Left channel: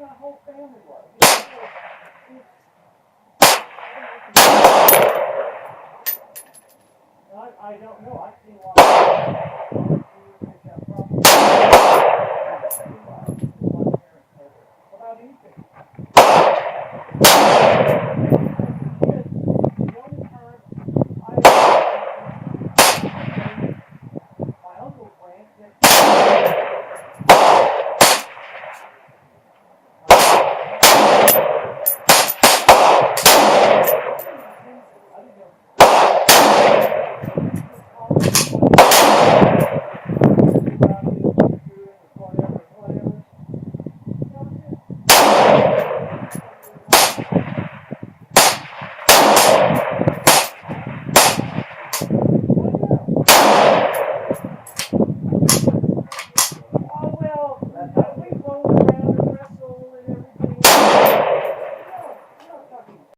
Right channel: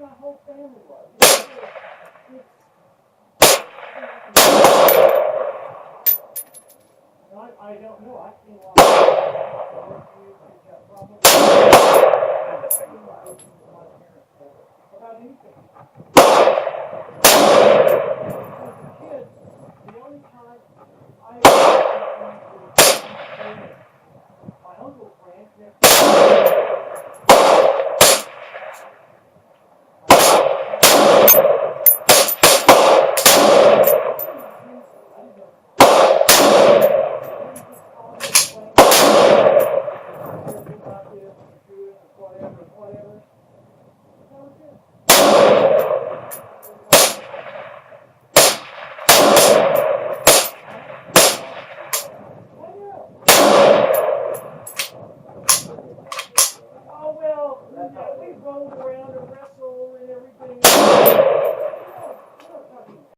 my whole family was. I don't know. I've seen a lot of about anything.